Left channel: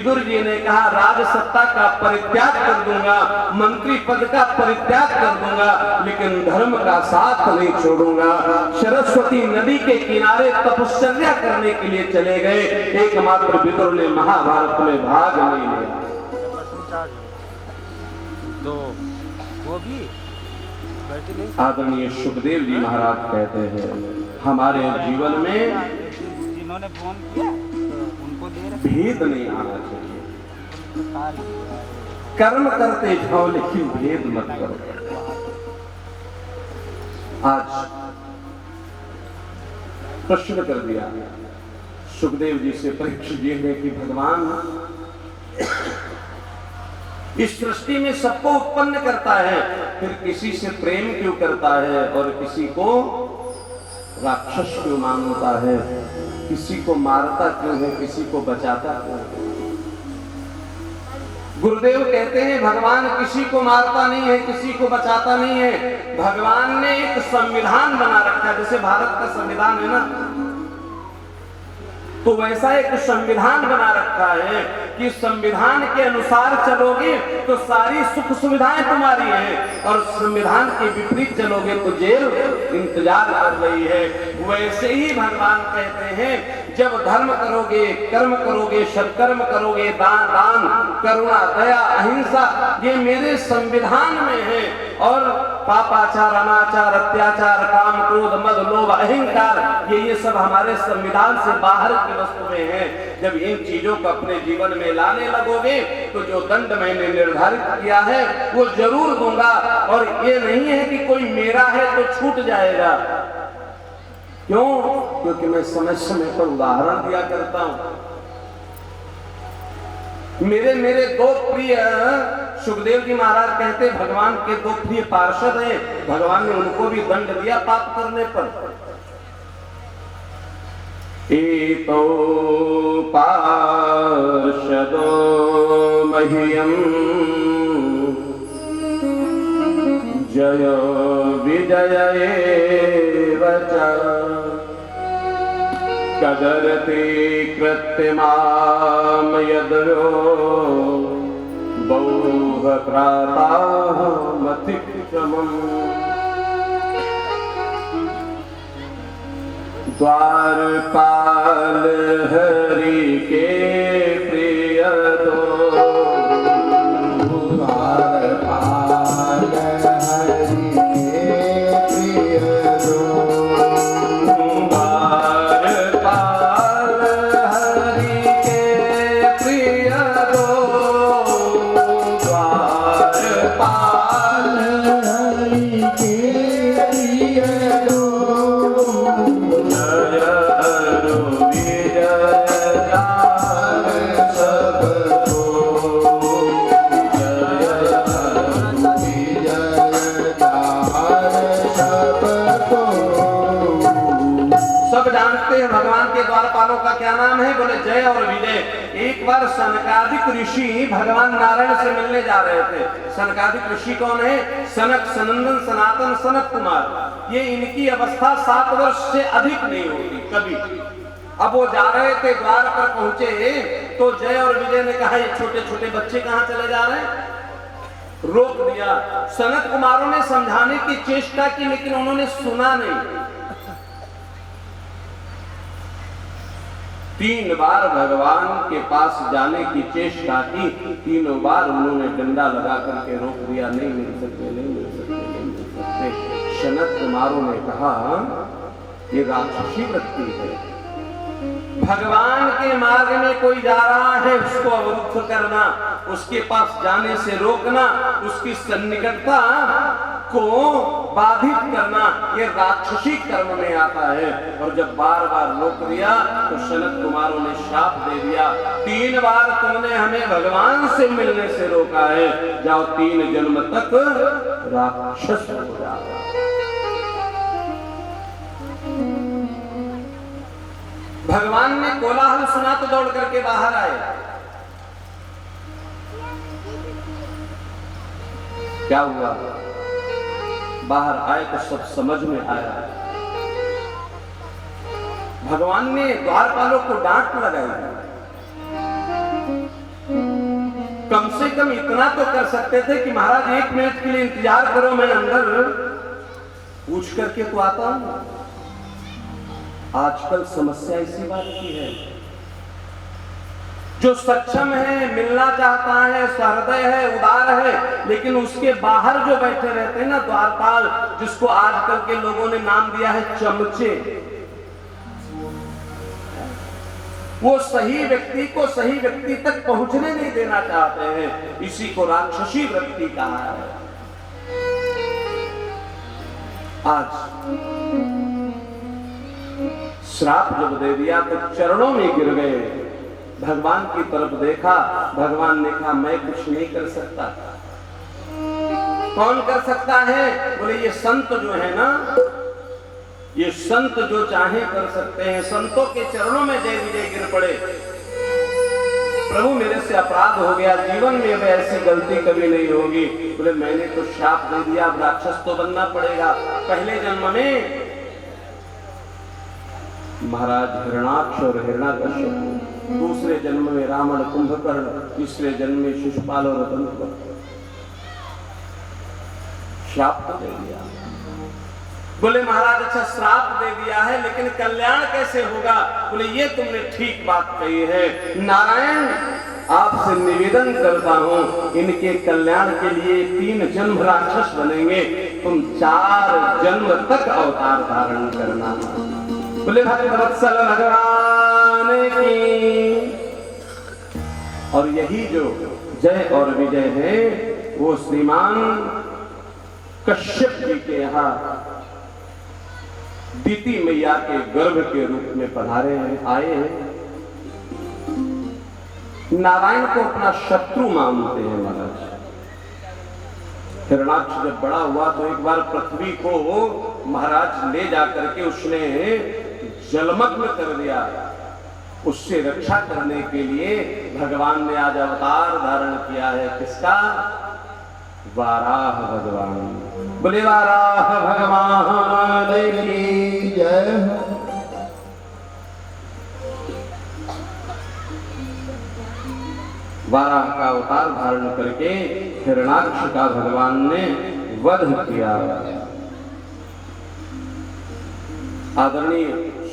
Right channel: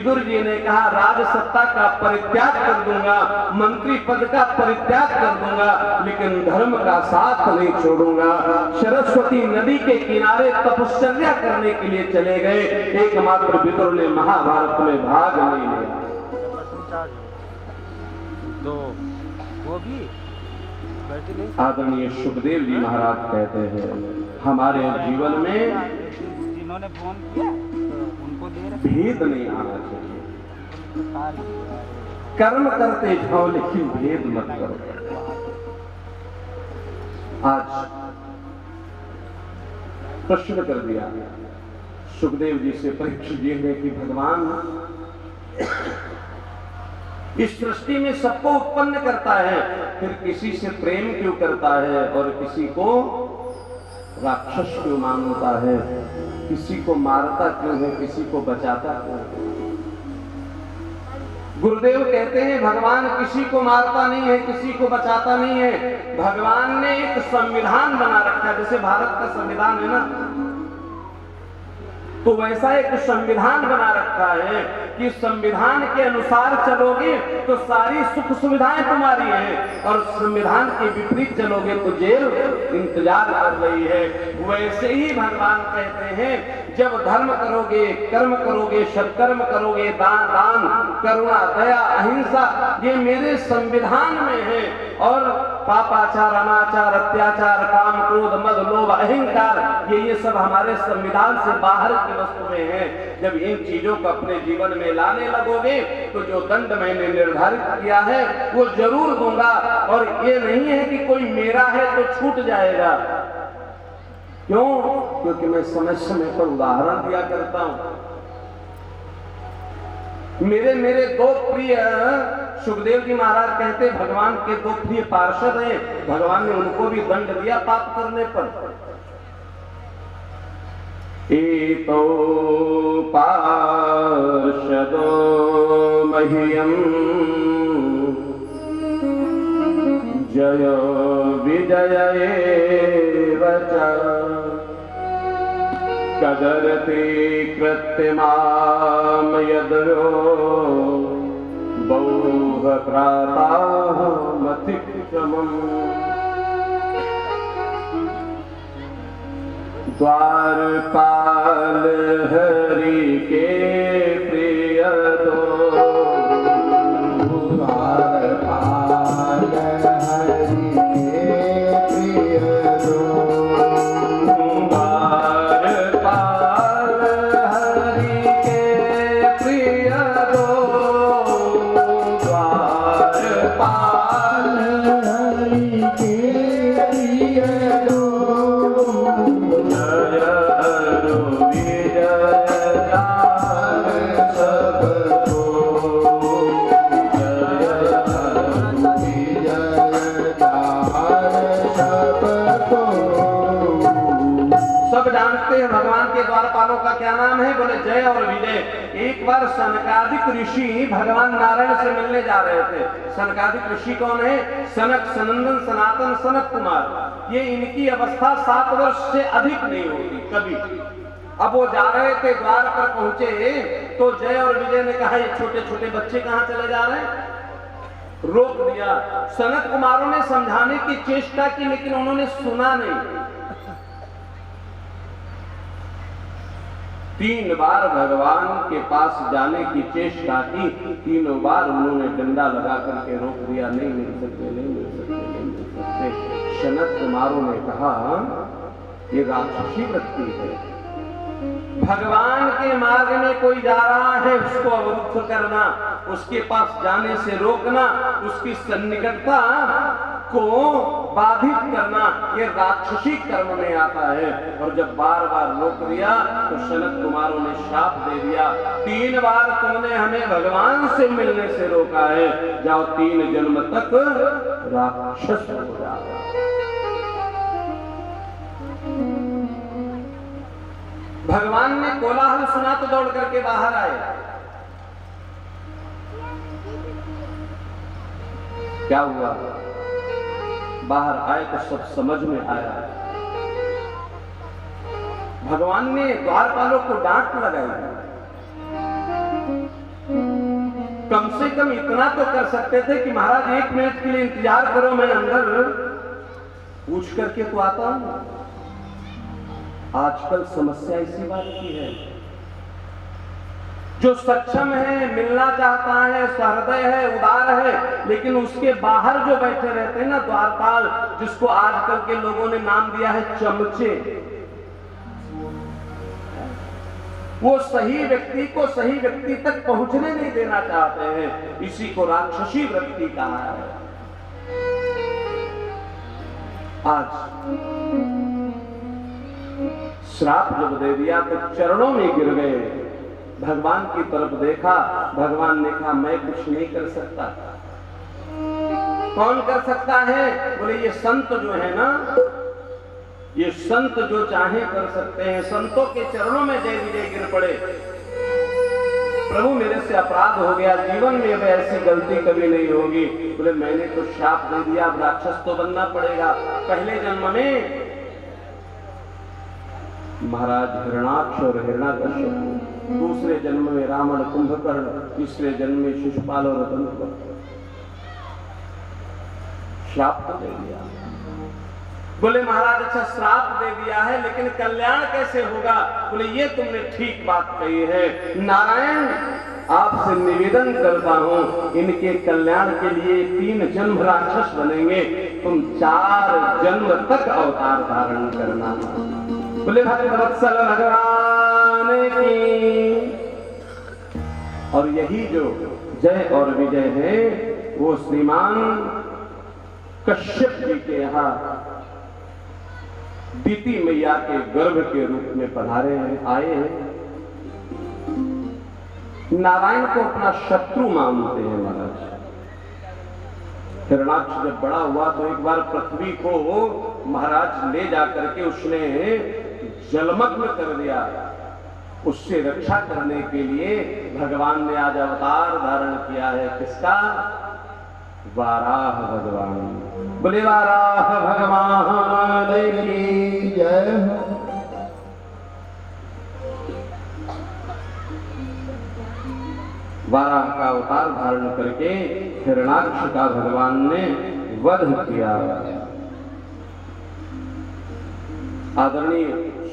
विदुर जी ने कहा राज सत्ता का परित्याग कर दूंगा, मंत्री पद का परित्याग कर दूंगा, लेकिन धर्म का साथ नहीं छोड़ूंगा। सरस्वती नदी के किनारे तपश्चर्या करने के लिए चले गए। एकमात्र विदुर ने महाभारत में भाग नहीं लिया। तो वो भी आदरणीय सुखदेव जी महाराज कहते हैं हमारे जीवन में जिन्होंने फोन किया उनको दे रहे भेद नहीं आना चाहिए। कर्म करते जाओ लेकिन भेद मत करो। आज प्रश्न कर दिया सुखदेव जी से परीक्षित जी ने कि भगवान इस सृष्टि में सबको उत्पन्न करता है, फिर किसी से प्रेम क्यों करता है और किसी को राक्षस क्यों मानता है, किसी को मारता क्यों है, किसी को बचाता क्यों है? गुरुदेव कहते हैं भगवान किसी को मारता नहीं है, किसी को बचाता नहीं है। भगवान ने एक संविधान बना रखा है, जैसे भारत का संविधान है ना, तो वैसा एक संविधान बना रखा है कि संविधान के अनुसार चलोगे तो सारी सुख सुविधाएं तुम्हारी हैं, और संविधान के विपरीत चलोगे तो जेल इंतजार कर रही है। वैसे ही भगवान कहते हैं जब धर्म करोगे, कर्म करोगे, सत्कर्म करोगे, दान दान करुणा दया अहिंसा ये मेरे संविधान में है, और पापाचार अनाचार अत्याचार काम क्रोध मद लोभ अहंकार ये सब हमारे संविधान से बाहर की वस्तुएं हैं। जब इन चीजों को अपने जीवन में लाने लगोगे तो जो दंड मैंने निर्धारित किया है वो जरूर दूंगा, और ये नहीं है कि कोई मेरा है तो छूट जाएगा। क्यों? क्योंकि मैं समय समय पर उदाहरण दिया करता हूं। मेरे दो प्रिय सुखदेव जी महाराज कहते भगवान के दो प्रिय पार्षद हैं, भगवान ने उनको भी दंड दिया पाप करने पर। एतो पार्षदो मह्यम जय विजय एव च कदरते कृत्यमाम यदयो बहु प्रातामतिक्रमम् द्वारपाल हरि के प्रिय दो द्वारपाल हरि के प्रिय दो द्वारपाल हरि के प्रिय दो द्वारपाल हरि के प्रिय दो भगवान के द्वारपालों का क्या नाम है? बोले जय और विजय। एक बार सनकादिक ऋषि भगवान नारायण से मिलने जा रहे थे। सनकादिक ऋषि कौन है? सनक, सनंदन, सनातन, सनत कुमार। ये इनकी अवस्था 7 वर्ष से अधिक नहीं होती कभी। अब वो जा रहे थे, द्वार पर पहुंचे तो जय और विजय ने कहा ये छोटे छोटे बच्चे कहां चले जा रहे हैं? रोक दिया। सनत कुमारों ने समझाने की चेष्टा की लेकिन उन्होंने सुना नहीं। 3 बार भगवान के पास जाने की चेष्टा की, 3 बार उन्होंने डंडा लगा करके रोक दिया। नहीं मिल सकते, नहीं मिल सकते, नहीं मिल सकते। सनत कुमारों ने कहा ये राक्षसी वृत्ति है। भगवान के मार्ग में कोई जा रहा है उसको अवरुद्ध करना, उसके पास जाने से रोकना, उसकी सन्निकटता को बाधित करना ये राक्षसी कर्म में आता है। और जब बार बार रोक दिया तो सनत कुमारों ने शाप दे दिया 3 बार तुमने हमें भगवान से मिलने से रोका है, जाओ 3 जन्म तक राक्षस हो जाओ। भगवान ने कोलाहल सुना तो दौड़ करके बाहर आए। क्या हुआ? बाहर आए तो सब समझ में आया। भगवान ने द्वारपालों को डांट लगाई कम से कम इतना तो कर सकते थे कि महाराज 1 मिनट के लिए इंतजार करो, मैं अंदर पूछ करके तो आता हूं। आजकल समस्या इसी बात की है, जो सक्षम है, मिलना चाहता है, सहृदय है, उदार है, लेकिन उसके बाहर जो बैठे रहते हैं ना द्वारपाल, जिसको आजकल के लोगों ने नाम दिया है चमचे, वो सही व्यक्ति को सही व्यक्ति तक पहुंचने नहीं देना चाहते हैं। इसी को राक्षसी वृत्ति कहा है। आज श्राप जब दे दिया तो चरणों में गिर गए, भगवान की तरफ देखा, भगवान ने कहा मैं कुछ नहीं कर सकता। कौन कर सकता है? बोले ये संत जो है ना, ये संत जो चाहे कर सकते हैं। संतों के चरणों में जय विजय गिर पड़े, प्रभु मेरे से अपराध हो गया, जीवन में अब ऐसी गलती कभी नहीं होगी। बोले मैंने तो श्राप दे दिया, अब राक्षस तो बनना पड़ेगा। पहले जन्म में महाराज हिरणाक्ष और हिरणाकश्यप, दूसरे जन्म में रावण कुंभकर्ण, तीसरे जन्म में शिशुपाल और रतन। श्राप तो दे दिया। बोले महाराज अच्छा श्राप दे दिया है, लेकिन कल्याण कैसे होगा? बोले ये तुमने ठीक बात कही है। नारायण आपसे निवेदन करता हूं, इनके कल्याण के लिए 3 जन्म राक्षस बनेंगे, तुम 4 जन्म तक अवतार धारण करना। बोले भक्तवत्सल भगवान की। और यही जो जय और विजय है वो श्रीमान कश्यप जी के यहाँ दीति मैया के गर्भ के रूप में पधारे हैं, आए हैं। नारायण को अपना शत्रु मानते हैं महाराज। हिरणाक्ष जब बड़ा हुआ तो एक बार पृथ्वी को महाराज ले जाकर के उसने जलमग्न कर दिया। उससे रक्षा करने के लिए भगवान ने आज अवतार धारण किया है। किसका? वाराह भगवान। बोले वाराह भगवान की जय। वाराह का अवतार धारण करके हिरणाक्ष का भगवान ने वध किया। आदरणीय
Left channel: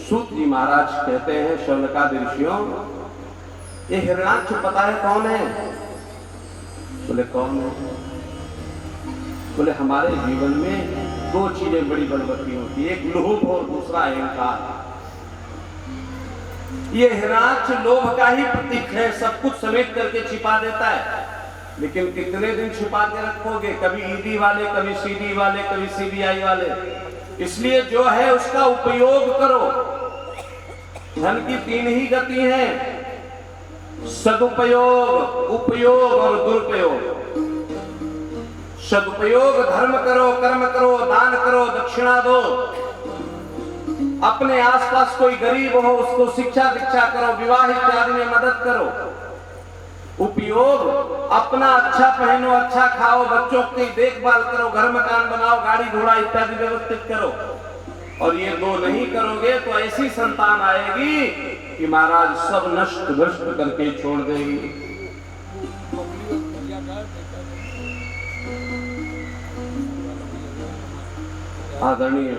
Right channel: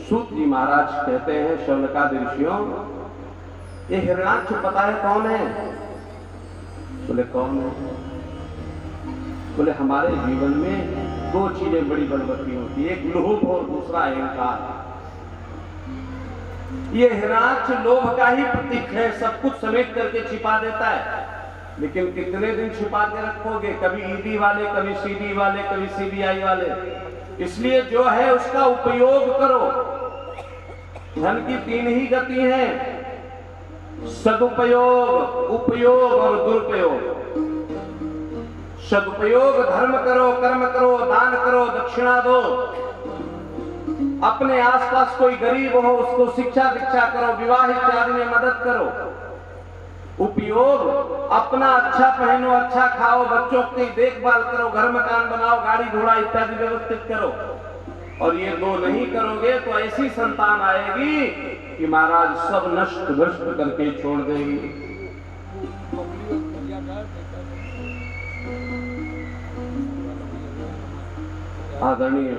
सूत जी महाराज कहते हैं शौनकादि ऋषियों, ये हिरणाक्ष पता है कौन है? बोले कौन है? बोले हमारे जीवन में 2 चीजें बड़ी बलवती होती है, एक लोभ और दूसरा अहंकार। ये हिरणाक्ष लोभ का ही प्रतीक है, सब कुछ समेट करके छिपा देता है। लेकिन कितने दिन छिपा के रखोगे? कभी ईडी वाले, कभी सीडी वाले, कभी सीबीआई वाले। इसलिए जो है उसका उपयोग करो। धन की 3 ही गति है, सदुपयोग, उपयोग और दुरुपयोग। सदुपयोग धर्म करो, कर्म करो, दान करो, दक्षिणा दो। अपने आसपास कोई गरीब हो उसको शिक्षा दीक्षा करो, विवाह इत्यादि में मदद करो। उपयोग अपना अच्छा पहनो, अच्छा खाओ, बच्चों की देखभाल करो, घर मकान बनाओ, गाड़ी घोड़ा इत्यादि व्यवस्थित करो। और ये 2 नहीं करोगे तो ऐसी संतान आएगी कि महाराज सब नष्ट भ्रष्ट करके छोड़ देगी। आदरणीय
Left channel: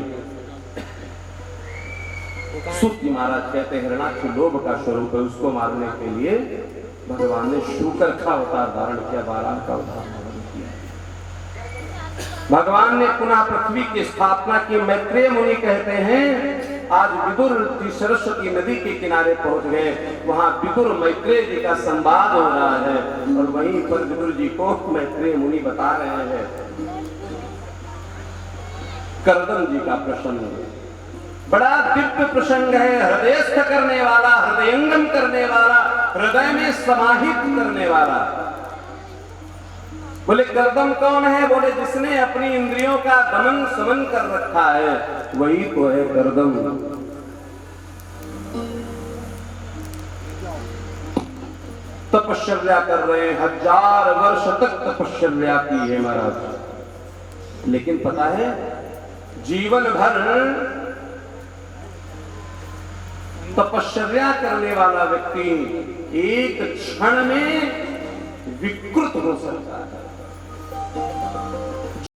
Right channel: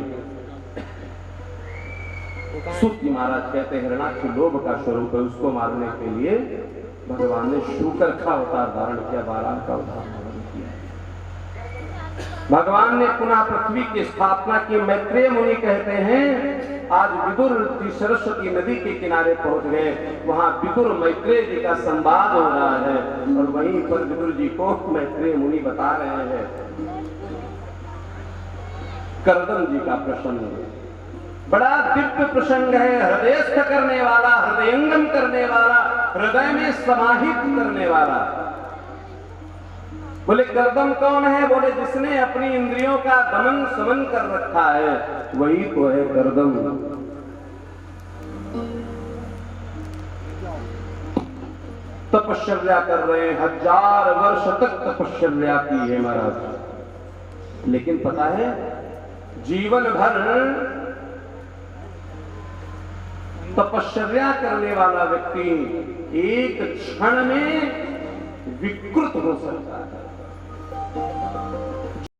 सूत जी महाराज कहते हैं हिरणाक्ष लोभ का स्वरूप है, उसको मारने के लिए भगवान ने शूकर का अवतार धारण किया, वाराह का अवतार धारण किया। भगवान ने पुनः पृथ्वी की स्थापना की। मैत्रेय मुनि कहते हैं आज विदुर जी सरस्वती नदी के किनारे पहुंच गए, वहां विदुर मैत्रेय जी का संवाद हो रहा है और वहीं पर विदुर जी को मैत्रेय मुनि बता रहे हैं कर्दम जी का प्रसंग। बड़ा दिव्य प्रसंग है, हृदयस्थ करने वाला, हृदयंगम करने वाला, हृदय में समाहित करने वाला। बोले कर्दम कौन है? बोले जिसने अपनी इंद्रियों का दमन समन कर रखा है वही तो है कर्दम। तपश्चर्या कर रहे हैं, 1000 वर्ष तक तपश्चर्या की है महाराज। लेकिन पता है जीवन भर तपश्चर्या करने वाला व्यक्ति एक क्षण में विकृत हो सकता है।